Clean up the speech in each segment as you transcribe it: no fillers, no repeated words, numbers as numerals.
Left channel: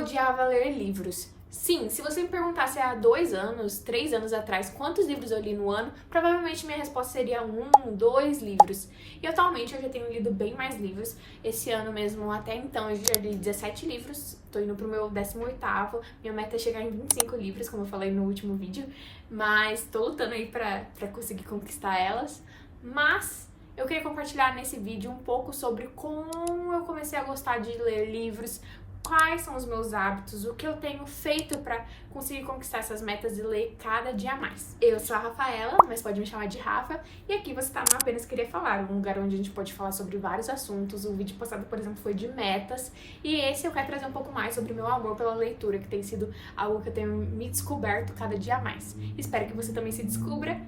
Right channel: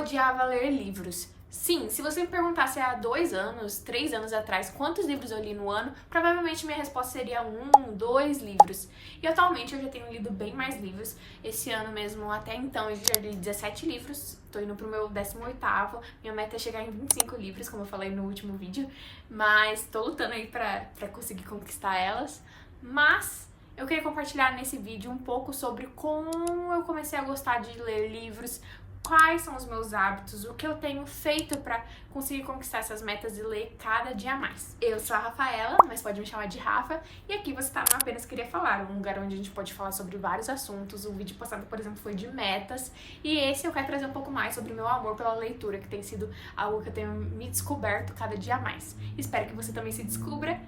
odiava ler livros. Sim, se você me perguntasse há 2 anos, 3 anos atrás, quantos livros eu li no ano, provavelmente minha resposta seria 1, 2 livros. E atualmente eu já tenho lido bem mais livros. Esse ano mesmo, até então, eu já li 17 livros. Tô indo pro meu 18º. Minha meta é chegar em 25 livros, como eu falei no último vídeo. Mas tô lutando aí pra conseguir conquistar elas. Mas eu queria compartilhar nesse vídeo um pouco sobre como eu comecei a gostar de ler livros, quais são os meus hábitos, o que eu tenho feito pra conseguir conquistar essas metas e ler cada dia mais. Eu sou a Rafaela, mas pode me chamar de Rafa, e aqui você tá no Apenas Queria Falar, um lugar onde a gente pode falar sobre vários assuntos. O vídeo passado, por exemplo, foi de metas, e esse eu quero trazer um pouco mais sobre o meu amor pela leitura, que tem sido algo que eu tenho me descoberto cada dia mais. Espero que você também se descubra,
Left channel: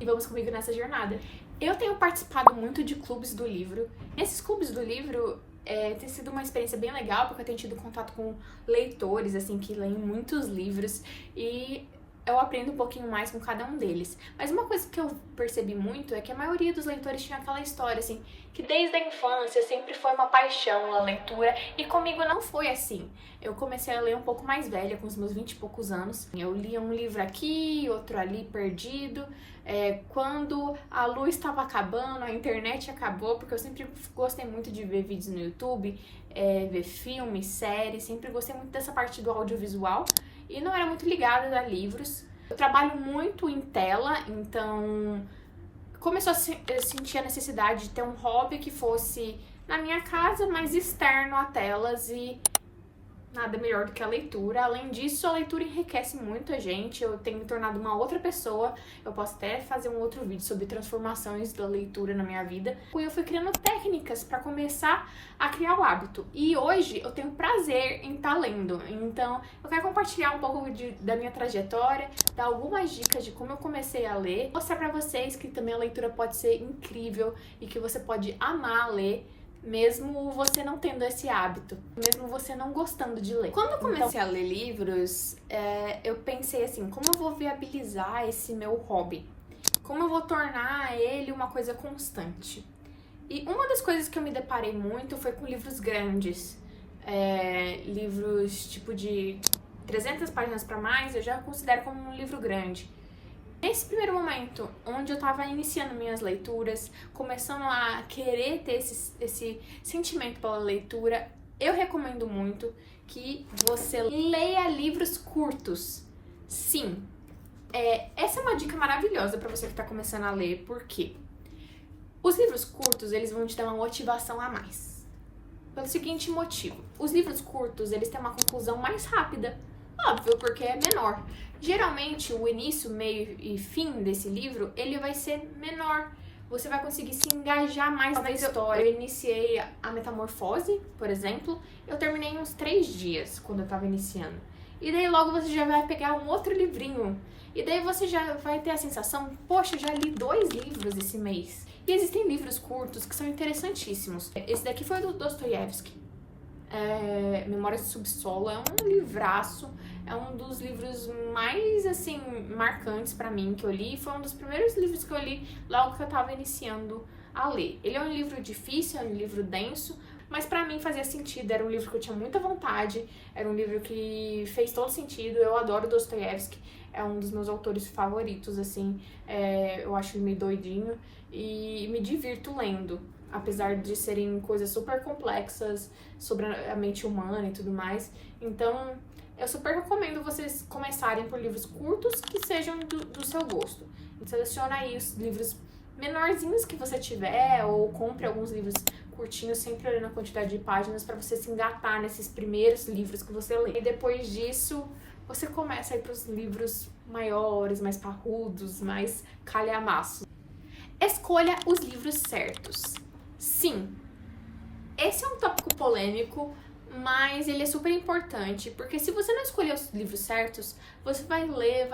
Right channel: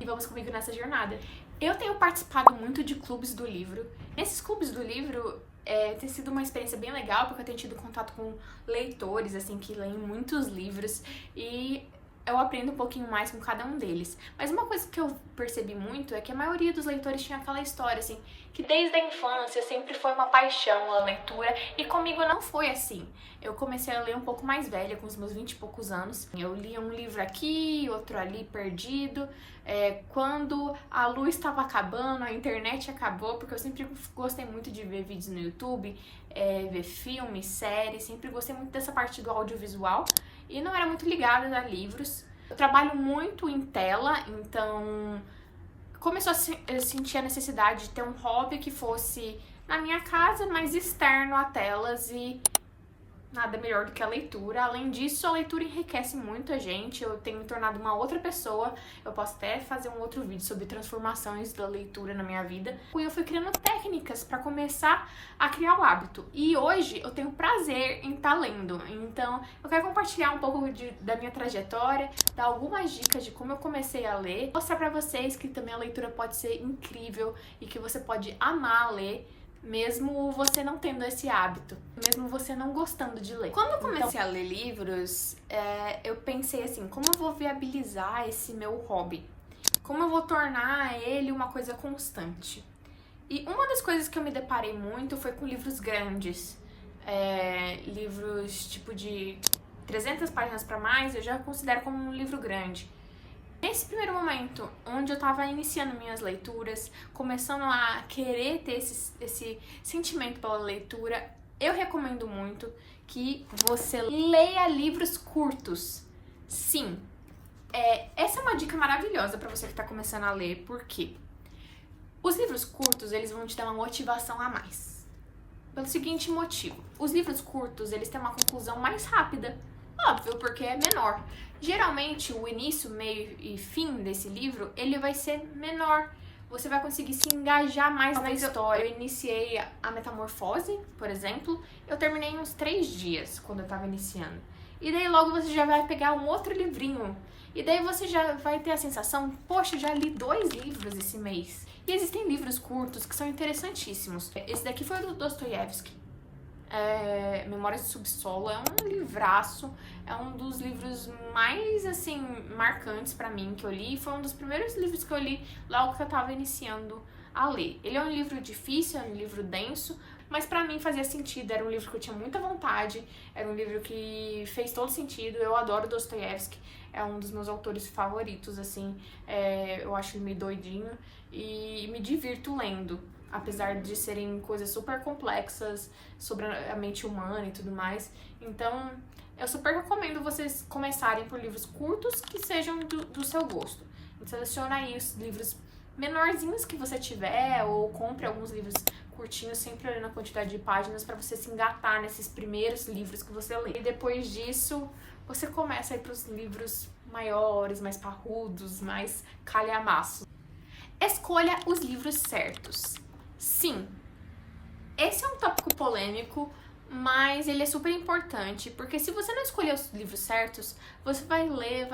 e vamos comigo nessa jornada. Eu tenho participado muito de clubes do livro. Nesses clubes do livro, tem sido uma experiência bem legal, porque eu tenho tido contato com leitores, assim, que leem muitos livros, e eu aprendo um pouquinho mais com cada um deles. Mas uma coisa que eu percebi muito é que a maioria dos leitores tinha aquela história, assim, que desde a infância sempre foi uma paixão a leitura, e comigo não foi assim. Eu comecei a ler um pouco mais velha, com os meus 20 e poucos anos. Eu lia um livro aqui, outro ali, perdido. Quando a luz estava acabando, a internet acabou, porque eu sempre gostei muito de ver vídeos no YouTube, ver filmes, séries, sempre gostei muito dessa parte do audiovisual e não era muito ligada a livros. Eu trabalho muito em tela, então começou a sentir a necessidade de ter um hobby que fosse na minha casa, mas externo a telas, e nada melhor do que a leitura. Além disso, a leitura enriquece muito a gente. Eu tenho me tornado uma outra pessoa. Eu posso até fazer um outro vídeo sobre transformações da leitura na minha vida. E eu fui criando técnicas para começar a criar o hábito. E hoje eu tenho prazer em estar lendo. Então, eu quero compartilhar um pouco da minha trajetória, dar algumas dicas de como eu comecei a ler, mostrar para vocês que também a leitura pode ser incrível e que você pode amar ler, mesmo você não tendo esse hábito, mesmo você não gostando de ler. Quando eu comecei a ler livros, eu pensei assim, como eu vou viabilizar esse meu hobby? Como eu vou tornar ele uma coisa constante? E uma das coisas que eu me deparei muito foi com livros grandes. Livros tipo de 300 páginas para mais, eu já considero como um livro grande. Nesse primeiro momento, onde eu estava iniciando minhas leituras, começando a querer ter esse sentimento pela leitura, eu recomendo muito que você leia livros curtos. Sim, essa é uma dica maravilhosa para você que está começando a ler, porque os livros curtos, eles vão te dar uma motivação a mais. Pelo seguinte motivo, os livros curtos, eles têm uma conclusão mais rápida. Óbvio, porque é menor. Geralmente, o início, meio e fim desse livro, ele vai ser menor. Você vai conseguir se engajar mais na história. Eu iniciei a Metamorfose, por exemplo. Eu terminei em uns 3 dias, quando eu tava iniciando. E daí logo você já vai pegar um outro livrinho. E daí você já vai ter a sensação, poxa, já li 2 livros esse mês. E existem livros curtos que são interessantíssimos. Esse daqui foi do Dostoiévski. Memórias do Subsolo, é um livraço, é um dos livros mais, assim, marcantes pra mim que eu li. Foi um dos primeiros livros que eu li logo que eu tava iniciando a ler. Ele é um livro difícil, é um livro denso, mas pra mim fazia sentido, era um livro que eu tinha muita vontade, era um livro que fez todo sentido. Eu adoro Dostoiévski, é um dos meus autores favoritos, assim, eu acho ele meio doidinho e me divirto lendo. Apesar de serem coisas super complexas sobre a mente humana e tudo mais. Então, eu super recomendo vocês começarem por livros curtos que sejam do seu gosto. Seleciona aí os livros menorzinhos que você tiver, ou compre alguns livros curtinhos, sempre olhando a quantidade de páginas, para você se engatar nesses primeiros livros que você lê. E depois disso, você começa a ir para os livros maiores, mais parrudos, mais calhamaços. Escolha os livros certos. Sim, esse é um tópico polêmico, mas ele é super importante, porque se você não escolher os livros certos, você vai ler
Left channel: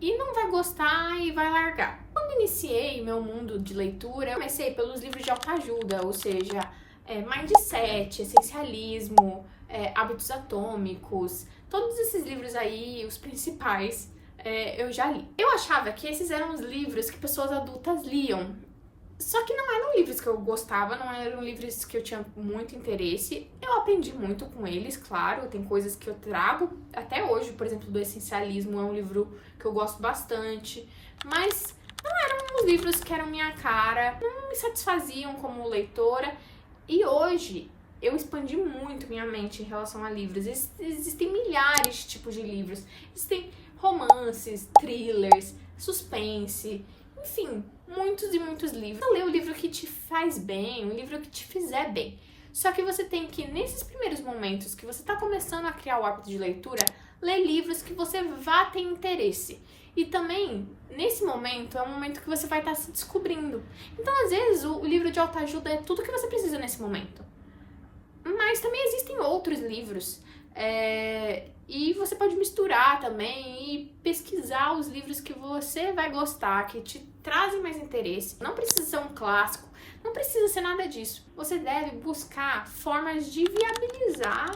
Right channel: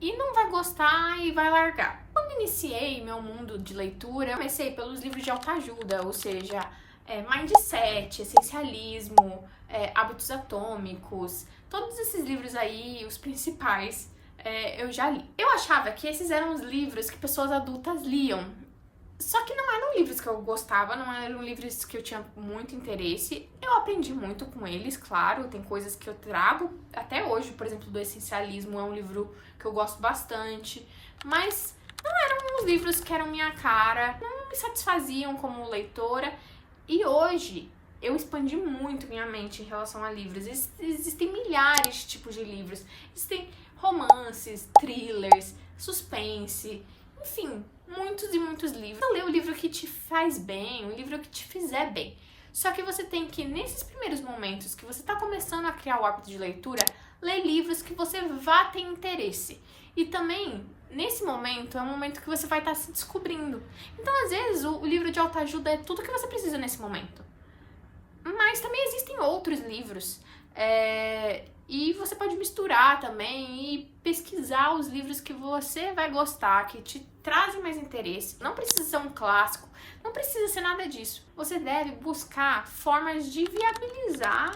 e não vai gostar e vai largar. Quando iniciei meu mundo de leitura, eu comecei pelos livros de autoajuda, ou seja, Mindset, Essencialismo, Hábitos Atômicos, todos esses livros aí, os principais, eu já li. Eu achava que esses eram os livros que pessoas adultas liam. Só que não eram livros que eu gostava, não eram livros que eu tinha muito interesse. Eu aprendi muito com eles, claro, tem coisas que eu trago até hoje, por exemplo, do Essencialismo é um livro que eu gosto bastante, mas não eram os livros que eram minha cara, não me satisfaziam como leitora. E hoje eu expandi muito minha mente em relação a livros. Existem milhares de tipos de livros. Existem romances, thrillers, suspense, enfim, muitos e muitos livros. Lê o livro que te faz bem, o livro que te fizer bem. Só que você tem que, nesses primeiros momentos que você está começando a criar o hábito de leitura, ler livros que você vá ter interesse. E também, nesse momento, é um momento que você vai estar se descobrindo. Então, às vezes, o livro de autoajuda é tudo que você precisa nesse momento. Mas também existem outros livros. E você pode misturar também e pesquisar os livros que você vai gostar, que te trazem mais interesse. Não precisa ser um clássico, não precisa ser nada disso. Você deve buscar formas de viabilizar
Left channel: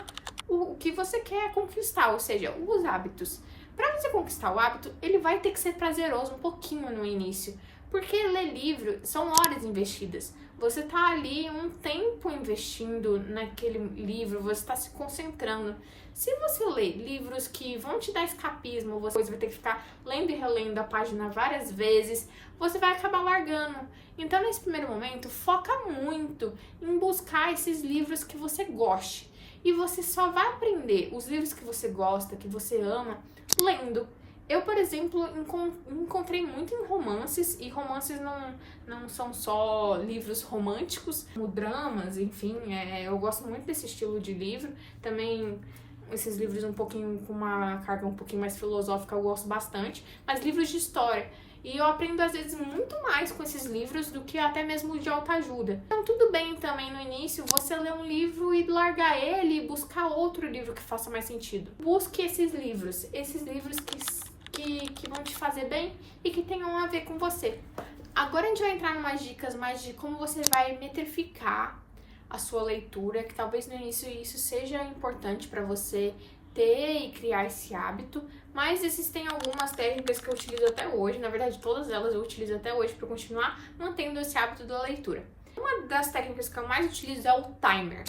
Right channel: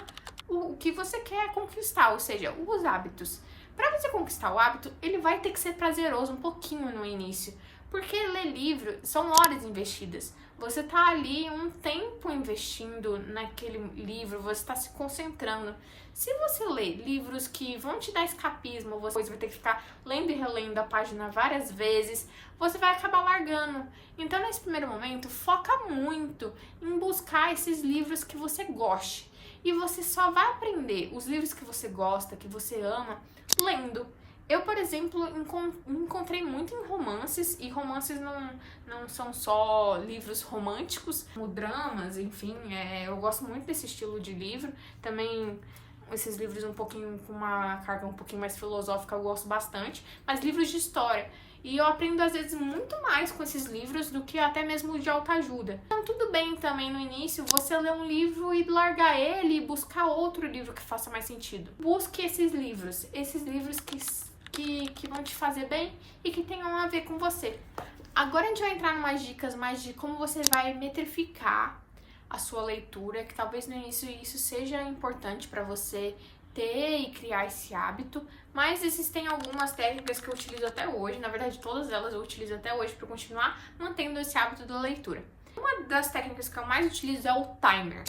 o que você quer conquistar, ou seja, os hábitos. Para você conquistar o hábito, ele vai ter que ser prazeroso um pouquinho no início, porque ler livro são horas investidas. Você tá ali um tempo investindo naquele livro, você está se concentrando. Se você lê livros que vão te dar escapismo, você vai ter que ficar lendo e relendo a página várias vezes, você vai acabar largando. Então, nesse primeiro momento, foca muito em buscar esses livros que você goste. E você só vai aprender os livros que você gosta, que você ama, lendo. Eu, por exemplo, encontrei muito em romances, e romances não são só livros românticos, como dramas, enfim, eu gosto muito desse estilo de livro. Também esses livros um pouquinho com uma carga um pouquinho mais filosófica eu gosto bastante, mas livros de história. E eu aprendo, às vezes, muito mais com esses livros do que até mesmo de autoajuda. Então, tudo bem também, no início, você ler um livro e largar ele e buscar outro livro que faça mais sentido. Busque esses livros que vão te fazer bem e que tenham a ver com você. Agora a gente vai entrar em umas dicas mais de como você vai metrificar a sua leitura, que talvez no início isso seja importante para você ter e criar esse hábito, mas existem algumas técnicas que eu utilizo até hoje, na verdade todas elas eu utilizo até hoje para continuar mantendo esse hábito da leitura. Uma das técnicas que eu mais utilizo é o timer,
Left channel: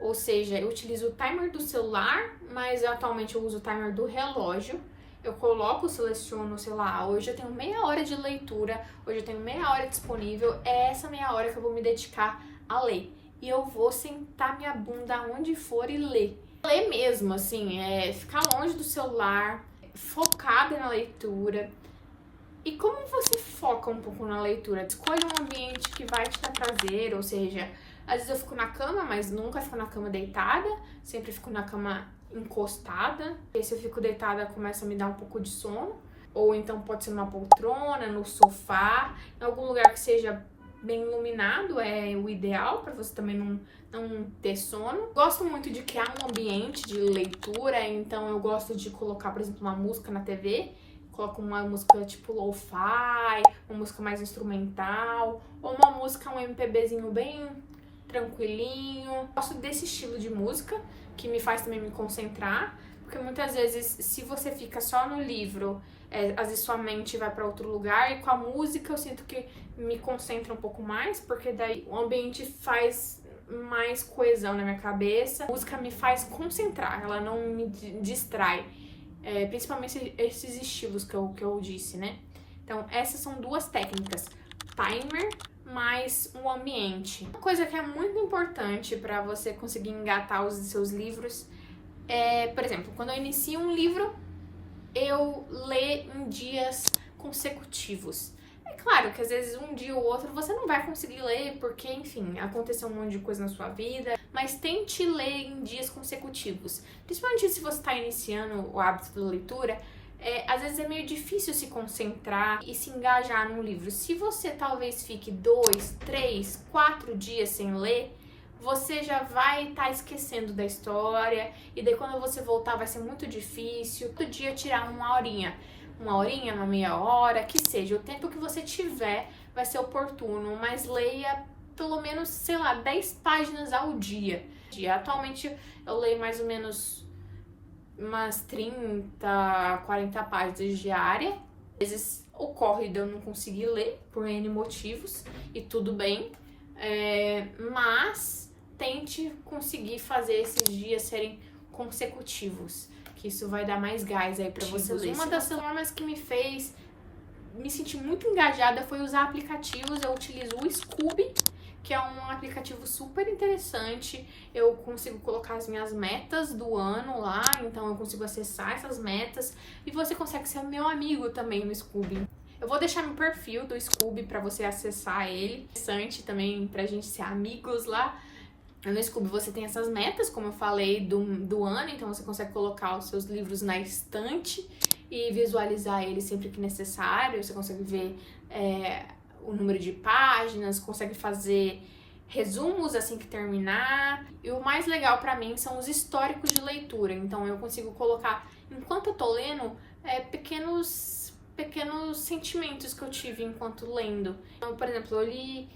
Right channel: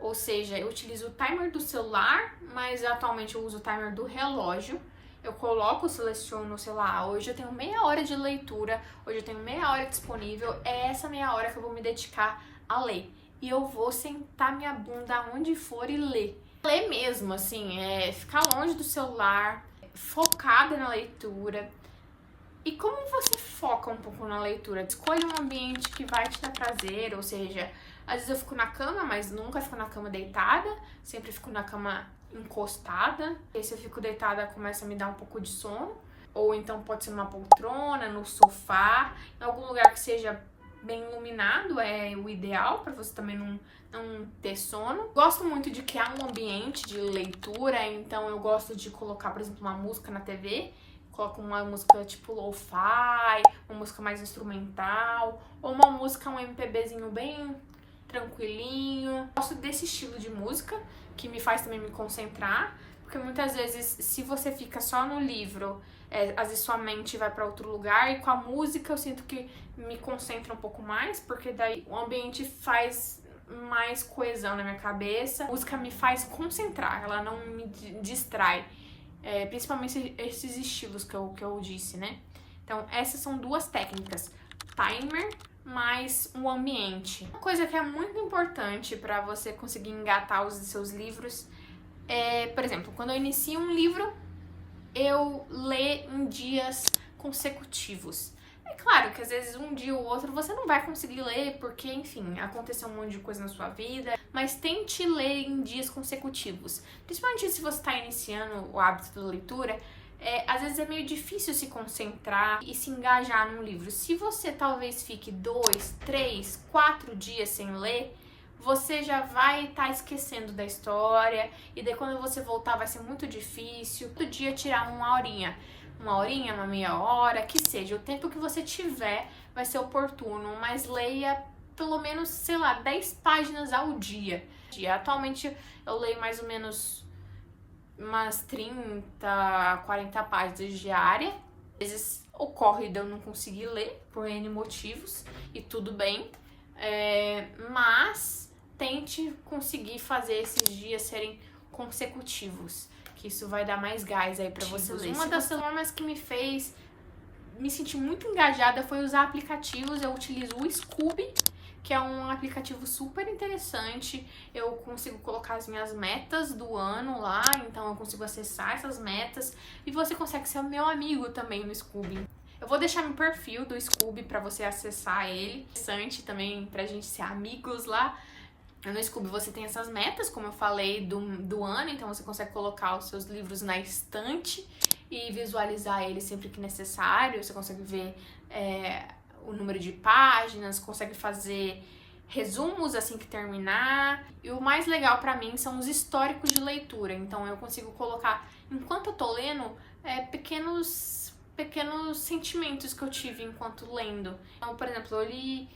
ou seja, eu utilizo o timer do celular, mas atualmente eu uso o timer do relógio. Eu coloco, seleciono, sei lá, hoje eu tenho meia hora de leitura, hoje eu tenho meia hora disponível, é essa meia hora que eu vou me dedicar a ler. E eu vou sentar minha bunda onde for e ler. Ler mesmo, assim, ficar longe do celular, focada na leitura. E como você foca um pouco na leitura? Escolha um ambiente que vai te dar prazer, ou seja, às vezes eu fico na cama, mas nunca fico na cama deitada, sempre fico na cama encostada. E se eu fico deitada, começa a me dar um pouco de sono. Ou então pode ser numa poltrona, no sofá, em algum lugar que seja bem iluminado, é o ideal para você também não ter sono. Gosto muito de criar um ambiente de leitura, então eu gosto de colocar, por exemplo, uma música na TV. Coloco uma música tipo lo-fi, uma música mais instrumental, ou uma música, um MPBzinho bem tranquilinho. Gosto desse estilo de música, que me faz também me concentrar, porque muitas vezes, se você fica só no livro, às vezes sua mente vai para outro lugar, e com a música eu sinto que me concentra um pouco mais, porque daí o ambiente faz mais coesão na minha cabeça. A música me faz concentrar, ela não me distrai. Principalmente esses estilos que eu disse, né? Então, essas são duas técnicas. Timer mais um ambiente. Uma coisa que é muito importante para você conseguir engatar os seus livros por exemplo, quando eu inicio um livro, eu leio em dias consecutivos. É claro que às vezes um dia ou outro você não vai conseguir ler porque, enfim, aconteceu um monte de coisa na sua vida, mas tente ler em dias consecutivos. Principalmente se você está iniciando o hábito da leitura, às vezes é meio difícil se concentrar e se engajar num livro. Se você talvez fique 2, 3, 4 dias sem ler, você já vai estar esquecendo da história, e daí quando você voltar vai ser muito difícil. Todo dia tirar uma horinha, uma meia hora, que seja, o tempo que você tiver vai ser oportuno, mas leia pelo menos, sei lá, 10 páginas ao dia. Atualmente eu leio mais ou menos umas 30, 40 páginas diárias. Às vezes Ocorre de eu não conseguir ler por N motivos, e tudo bem, mas tente conseguir fazer esses dias serem consecutivos, que isso vai dar mais gás aí pra você ler. Uma das formas que me fez me sentir muito engajada foi usar aplicativos. Eu utilizo o Scooby, que é um aplicativo super interessante. Eu consigo colocar as minhas metas do ano lá, então eu consigo acessar essas metas, e você consegue ser o meu amigo também no Scooby. Eu vou deixar no perfil do Scooby pra você acessar ele. Interessante também pra gente ser amigos lá. No Scooby você tem essas metas, como eu falei, do ano, então você consegue colocar os seus livros na estante e visualizar eles sempre que necessário. Você consegue ver o número de páginas, consegue fazer resumos assim que terminar. E o mais legal pra mim são os históricos de leitura. Então eu consigo colocar, enquanto eu tô lendo, pequenos sentimentos que eu tive enquanto lendo. Então, por exemplo, eu li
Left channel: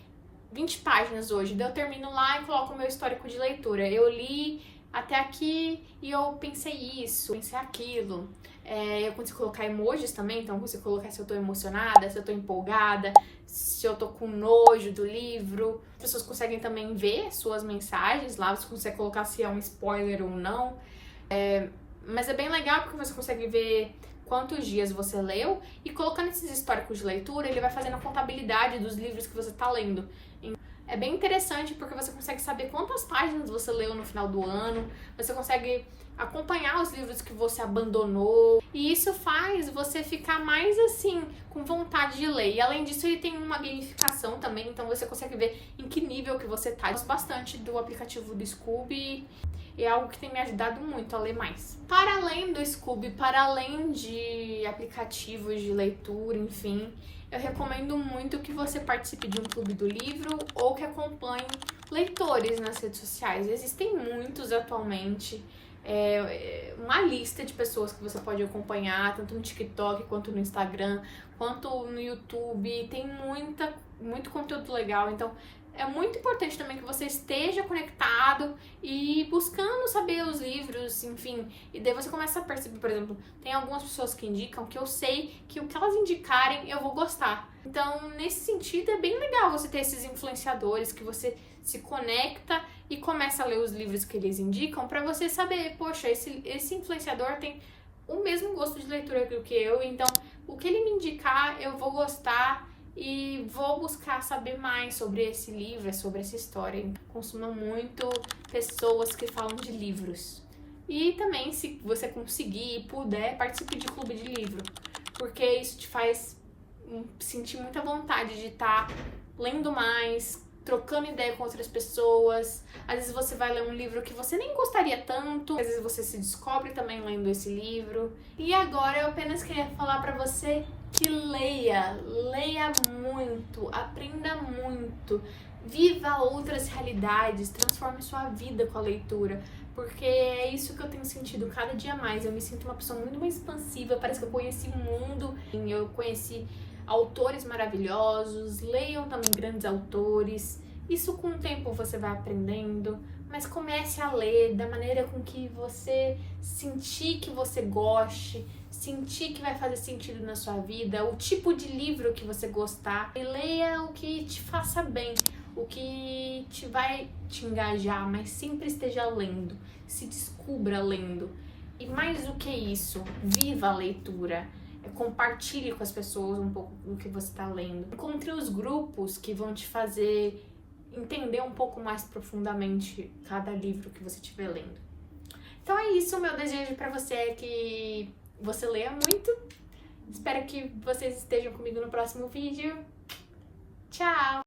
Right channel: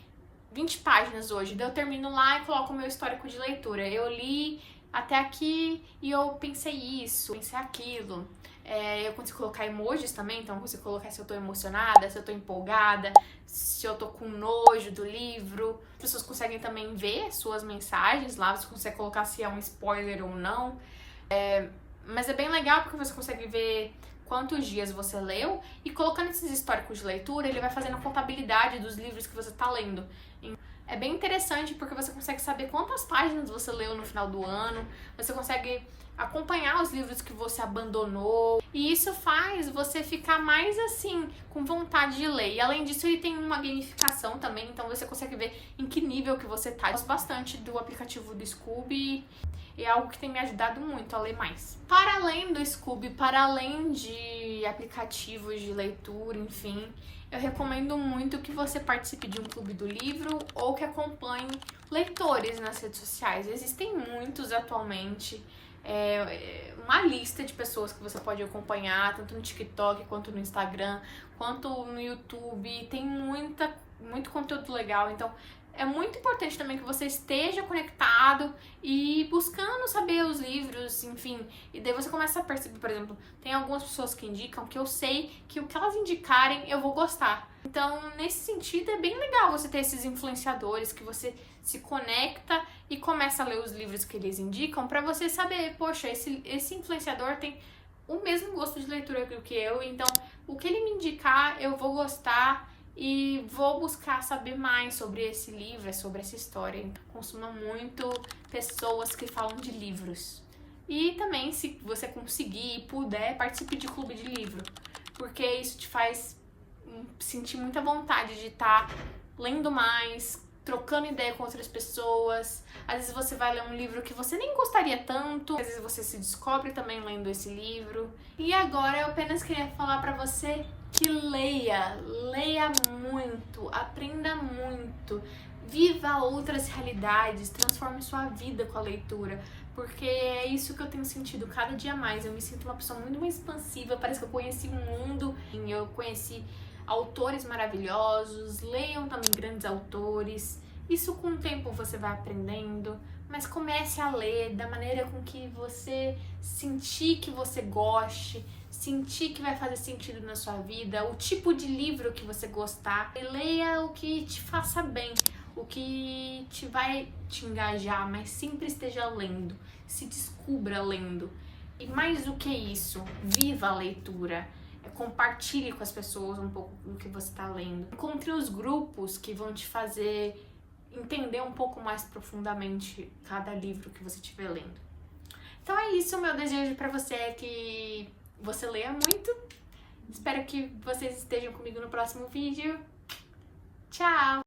20 páginas hoje, daí eu termino lá e coloco o meu histórico de leitura. Eu li até aqui e eu pensei isso, pensei aquilo. Eu consigo colocar emojis também, então eu consigo colocar se eu tô emocionada, se eu tô empolgada, se eu tô com nojo do livro. As pessoas conseguem também ver suas mensagens lá, você consegue colocar se é um spoiler ou não. Mas é bem legal porque você consegue ver quantos dias você leu, e colocando esses históricos de leitura, ele vai fazendo a contabilidade dos livros que você tá lendo. É bem interessante porque você consegue saber quantas páginas você leu no final do ano, você consegue acompanhar os livros que você abandonou, e isso faz você ficar mais assim, com vontade de ler. E além disso, ele tem uma gamificação também, então você consegue ver em que nível que você tá. Eu gosto bastante do aplicativo do Scooby, e é algo que tem me ajudado muito a ler mais. Para além do Scooby, para além de aplicativos de leitura, enfim, eu recomendo muito que você participe de um clube do livro ou que acompanhe leitores nas redes sociais. Existem muitos atualmente. Uma lista de pessoas que você pode acompanhar, tanto no TikTok, quanto no Instagram, quanto no YouTube. Tem muito conteúdo legal, então é muito importante também que você esteja conectado e buscando saber os livros, enfim. E daí você começa a perceber, por exemplo, tem algumas pessoas que indicam que eu sei que o que elas indicarem eu vou gostar. Então, nesse sentido, é bem legal você ter esses influenciadores que você se conecta e começa a ler os livros que eles indicam pra você saber, poxa, esse influenciador tem o mesmo gosto de leitura que eu, então o que ele me indicar eu vou gostar e vou buscar saber mais sobre esse livro, sobre essa história. Consumo muito pessoas que falam de livros. E também, se você conseguir e puder, participe de clube de livro, porque isso te faz sentir muita vontade de estar lendo mais, trocando ideia com outras pessoas. Às vezes você vai ler um livro que você nem gostaria tanto, às vezes você se descobre também lendo esse livro. E agora eu apenas queria falar pra você que leia muito, aprenda muito, viva outras realidades, transforme sua vida com a leitura, porque é isso que eu tenho sentido cada dia mais. Eu me sinto uma pessoa muito mais expansiva, parece que eu conheci o mundo, eu conheci autores maravilhosos. Leiam também grandes autores. Isso com o tempo você vai aprendendo, mas comece a ler da maneira com que você sentir que você goste, sentir que vai fazer sentido na sua vida, o tipo de livro que você gostar. E leia o que te faça bem, o que vai te engajar, mas sempre esteja lendo, se descubra lendo. E mais do que isso, viva a leitura. Compartilhe com as pessoas um pouco do que você está lendo. Encontre os grupos que vão te fazer entender um pouco mais profundamente cada livro que você estiver lendo. Então é isso, meu desejo para você é que você leia muito. Espero que vocês estejam comigo no próximo vídeo. Tchau!